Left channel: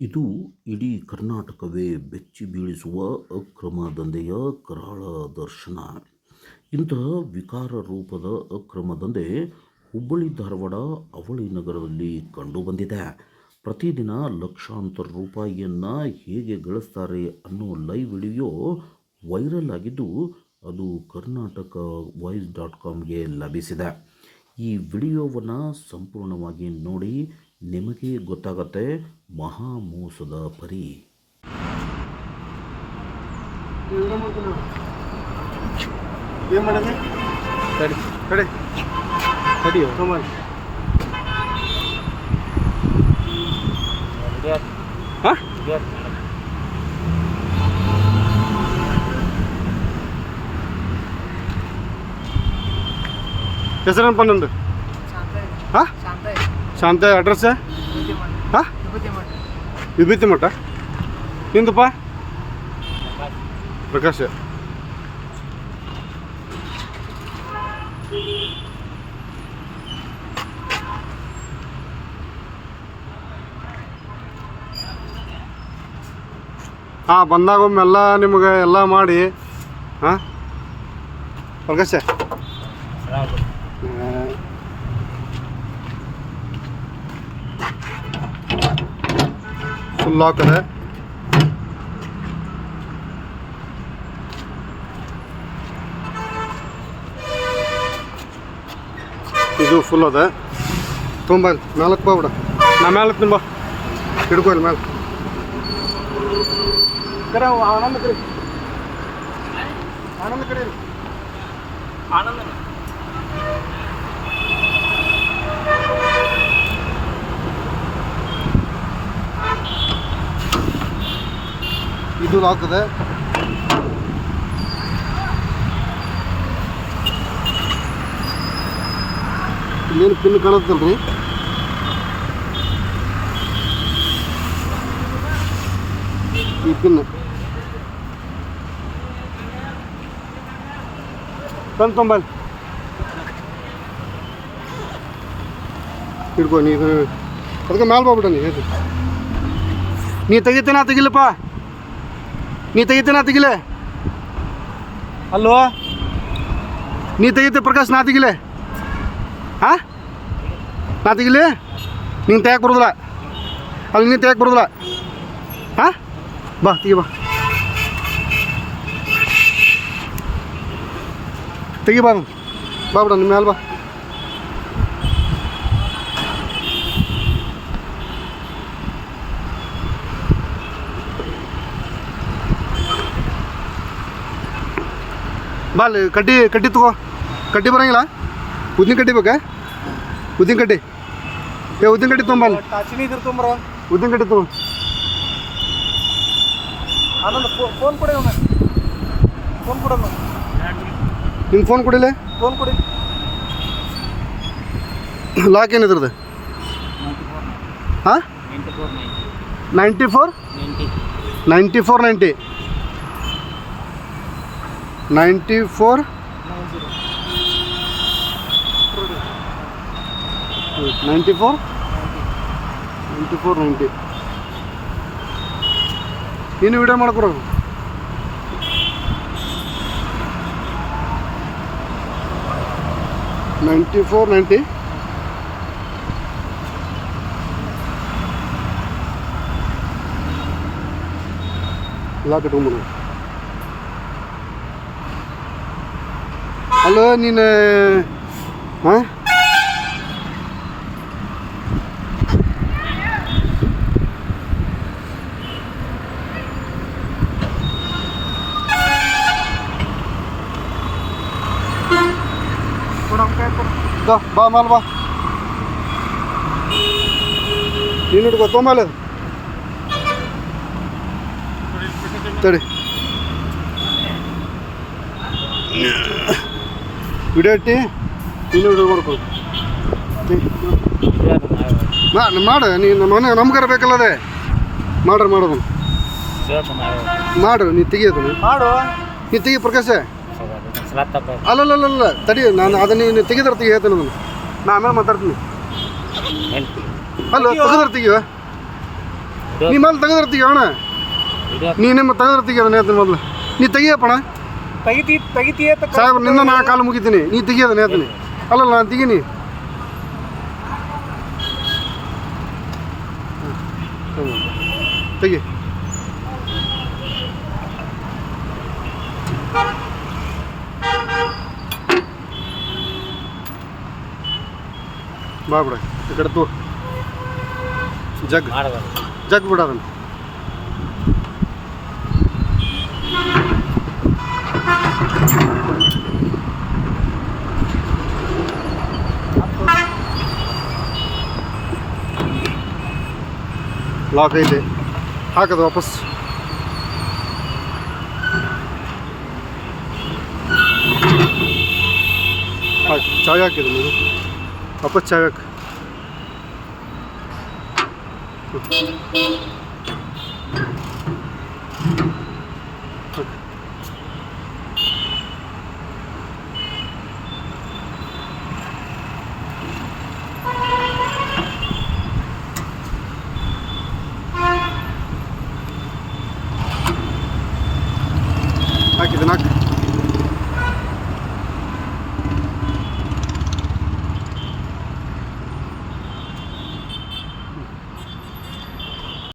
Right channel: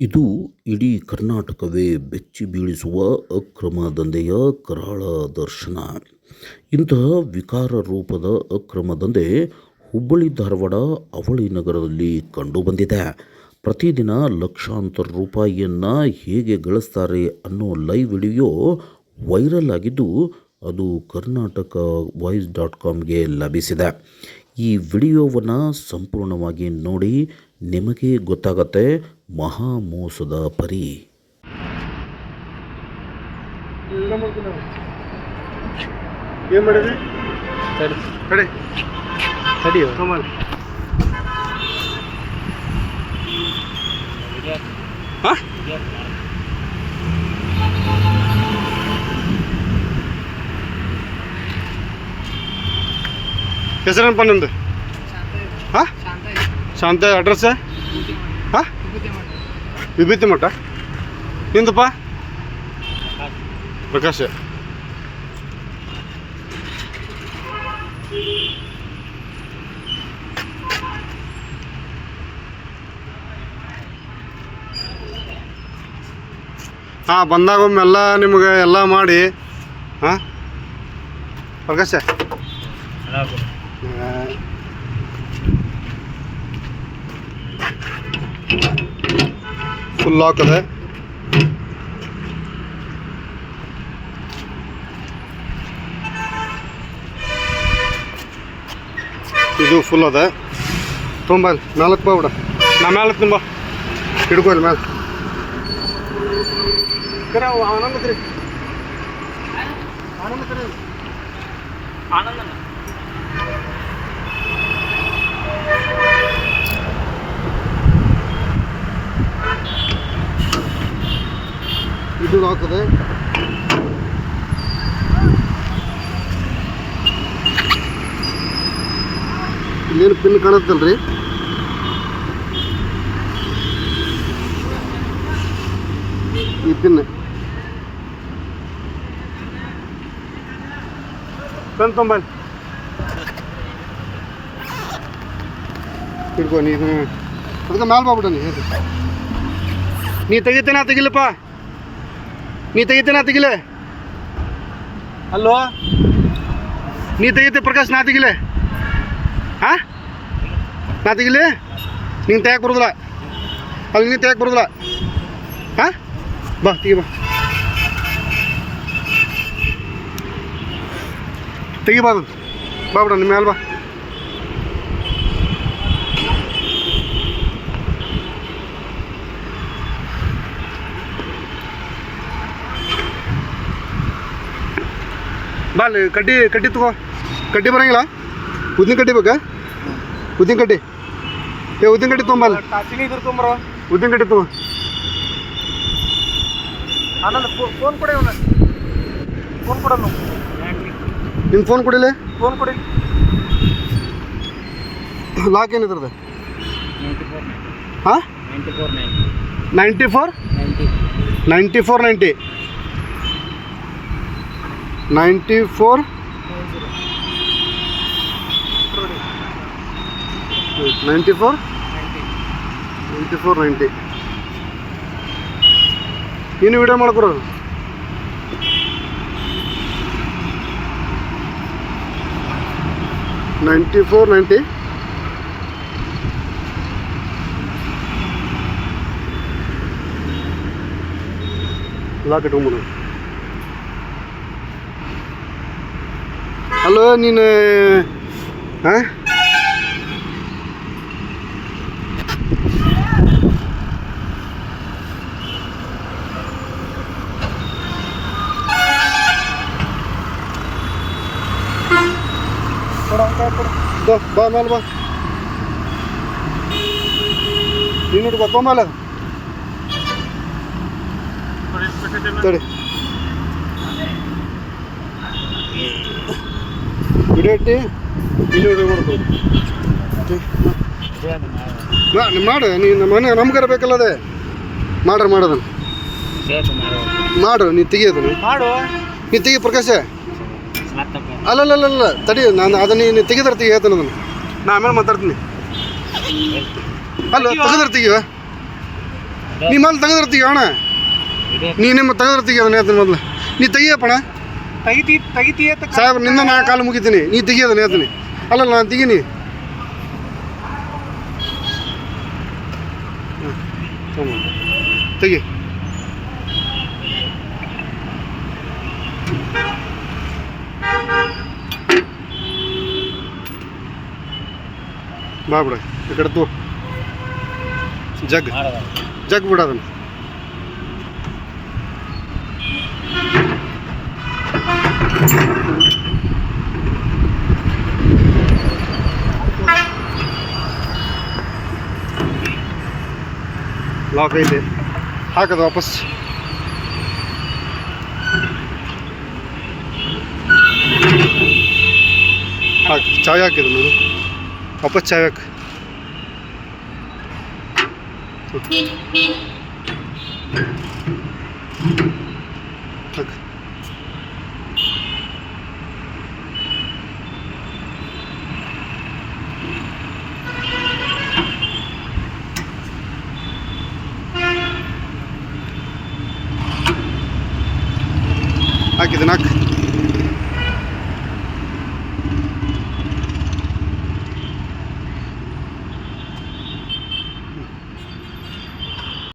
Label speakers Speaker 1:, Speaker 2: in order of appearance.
Speaker 1: ಇದು ಇಡೀ ಕರ್ನಾಟಕವೇ ಬೆಚ್ಚಿ ಬೀಳಿಸುವ ಅಕ್ರಮ ದಂಧೆಯ ಕರಾಳ ದರ್ಶನ. ಇಂತಹ ವಿಕಾರ ರೂಪದ ಅಕ್ರಮ ದಂಧೆ ಹುಬ್ಬಳ್ಳಿ, ಧಾರವಾಡ, ಅವಳಿ ನಗರದಲ್ಲಿ ಕಂಡುಬಂದಿದೆ ಪ್ರತಿದಿನ ಲಕ್ಷಾಂತರ ರೂಪಾಯಿಯನ್ನು ಹೇಗೆ ಗಳಿಸ್ತಾರೆ ಅನ್ನೋ ಲೈವ್ ವಿಡಿಯೋ ವೈರಲ್ ಆಗಿದ್ದು ಅದು ಕರ್ನಾಟಕ ವಾಯ್ಸ್ ಡಾಟ್ ಕಾಮ್ಗೆ ಲಭಿಸಿದೆ. ಈ ವಿಡಿಯೋವನ್ನು ಸಂಪೂರ್ಣವಾಗಿ ನೋಡಿ ನಿಮಗೆ ಗೊತ್ತಾಗತ್ತೆ. ಮಹಾ ಮೋಸದ ಪರಿ
Speaker 2: ಏನು ಮಾಡಿದ್ರಿ
Speaker 3: ತಡಿ
Speaker 2: ಕಡೆ
Speaker 3: ತಡಿಯೋ
Speaker 2: ಕಮಲ್
Speaker 3: ಹಾಂ
Speaker 2: ಹೆಸರೇನಪ್ಪ ನಂದು ಹಾಂ ಶಾಂತ ಅಡ್ರೆಸ್ ಹಾಂ ವಿಭೂತಿ ಮಠ? ನಿಂದಪ್ಪ ಪ್ರಕಾಶ. ಹಾಂ ಬಂದಾಗ ಒಮ್ಮೆಲ್ಲ ನಿಮಗೆ ಎಲ್ಲ ಮಾಡಿ ಹಾಂ? ಪ್ರಕಾಶ. ಫುಲ್ ಲಾಕ್ ಅದ ಇದು ಫುಲ್ ಅದ ತುಂಬ ನಾಲ್ಕು ಬಾ ಬಿಡ ನಾ ಮ್ಯಾಲೆ ತುಂಬ ಹಿಡ್ಕೊ ಇಲ್ಲಿ ಮ್ಯಾಲೆ ಕರೆ ಅವ ಆನಂದ ಕರೆ ಆನಂದ ಕರೆ
Speaker 3: ಆನಂದ
Speaker 2: ಇದು ಲಾಕ್ ಅದ ಇಲ್ಲೇನು ಪಿನ್ ಕಾಣತ್ತಲ್ರಿ ಈ ಪಿನ್ ಪೆನ್ ತೊಂಬಲ್ ಹಿಡ್ಕೊ ನೀ ಇದನ್ನ ಅದಕ್ಕೆ ಮ್ಯಾಲ್ ಬಾಬಿಡ ನೀ ಇದು. ನೀ ತೆಗಿತೇನ ತೆಗಿಲಪ್ಪ ನೀ ತೆಗಿತೇನ ತೆಗಿಲೆ?
Speaker 3: ಹಲೋ?
Speaker 2: ನೀ ತೆಗಿತೆ ಪ್ರಕಾಶ್ ನಾ ತೆಗಿಲೆ? ಹಾ ನಾ ತೆಗಿಲಿ? ನೀನು ತೆಗಕ್ಕೆ ಬರೋದಿಲ್ಲ. ಅಲ್ಲಿ ನೀನು ತೆಗಕ್ಕೆ ಬರೋದಿಲ್ಲ. ಹಾ ಬಾ ತೆಗಿ ಬಾ. ತೆಗಿ ಬಾ ಬಾ ಬಿಡ ನಿಮ್ಮ ಮೇಲೆ ಬಾ. ಬಾ ಅಲ್ಲಿ ಕಡ್ಡಿ ಕಡ್ಡಿ ತಗೋ ಕಡ್ಡಿ ಬರಂಗಿಲ್ಲ ಉದ್ದಿನ ಕಡ್ಡಿ ಬೇಕಾ ಉದ್ದಿನ ಕಡ್ಡಿ ಏ ಉದ್ದಿನ ಕಡ್ಡಿ ತೊಗೊಂಬಲ್ಲ
Speaker 3: ಟಾಚಿಂಗ್ ಇದ್ರ ತೊಂಬರ
Speaker 2: ಉದ್ದಿನ ಕಡ್ಡಿ ತಗೋ
Speaker 3: ಆನಂದ ಫೋನ್ ಕೊಡಿ ಅವನ ಫೋನ್ ಕೊಡೋನು
Speaker 2: ನಿನ್ನ ಫೋನ್ ಕೊಡಿಲ್ಲ
Speaker 3: ಫೋನ್ ಕೊಡಿ
Speaker 2: ಲಾಕ್ ಏನಿದ್ರದ್ದು
Speaker 3: ನೈಂಟಿ ಫೋರ್
Speaker 2: ಹಾಂ ninety four
Speaker 3: ninety
Speaker 2: ninety four ninety ninety four.
Speaker 3: Ninety four?
Speaker 2: Ninety four
Speaker 3: ninety.
Speaker 2: Ninety four ninety ನೀನು ವಿಡಿಯೋ ಮಾಡ್ಕೊರು ninety four ninety. Lock ಇಟ್ಕೊಂಬಿಡು hello ನೀನು ಹಾಂ
Speaker 3: ಕೊಡೋ ಕೈ ಕೊಡು
Speaker 2: ದೋ ಬಾ ಮೇಲೆ ಬಾ ನೀನು ಹಿಡ್ಕೊ ತೊಂಬಲ್ಲ ತಡಿ ಹಿಡಿದು ಕೊಡ್ಕೊ ಮಾ ಮಾಡು ನೀನು ಮನೆ ನಮ್ಗಾರ ಬೇಕಲ್ಲ ಅದೇ ಮಾಡ್ರಿ ಮಾಡೋದನ್ನ. ಮಾಡು ನೀ ತೆಗಿಯೋದನ್ನ.
Speaker 3: ಮಾಡು.
Speaker 2: ನೀ ತೆಗಿ ಪ್ರಕಾಶ. ಅಲ್ಲಲ್ಲ ತಡಿ ನಾನು ಅದನ್ನ ನೀನು ತೆಗೆದ್ರೆ ತೆಗಿ ಹೇಳ್ತಾನೆ ಅದನ್ನು. ನಾ ಆಮೇಲೆ ಮಾತಾಡ್ತೀನಿ. ಅಲ್ಲ ತೆಗೆದ್ರೆ ತೆಗಿವ ನೀ ತೆಗೆದ್ರೆ ತೆಗೆದಿರ್ತೀಗ ಅಣ್ಣ. ನೀ ನಿಮ್ಮ ತೆಗೆದ್ರೆ ಅದನ್ನ ಹೇಳ್ತೀನಿ ಮೊದಲು. ನೀ ತೆಗಿಯಪ್ಪಣ
Speaker 3: ತೆಗಿತಿ ತೆಗಿತೀಯ ಅಂತ
Speaker 2: ಸಾಹೇಬ್ರ ನಿಂದ ನಾ ಕಾಲು ಮುಗಿತೀನಿ. ನೀ ತೆಗಿಯೋದನ್ನ ಹೇಳ್ತೀನಿ ಅಲ್ಲಲ್ಲ ನಾನು ತೆಗೀನಿ. ಹಾಂ, ತಗೊಂಬ. ತೆಗಿ. ಬಾ ಬಿಡ ಈ ಕಡೆ ತೋ ಜಗ್. ಜಗ್ ಬಿಡ ಅದನ್ನ. ಲಾಕ್ ಐತೆ ಹಾಕದು ವಾಪಸ್ ಹಾಕಿ ಚಾಯ್ ಹಾಕಿದ್ದು ನಾನು ವಾಪಸ್ ಚಾಯ್ ಹಾಕಿ ಹಾಕಿ ಹಾಕಿದೆ ನಾಲ್ಕು.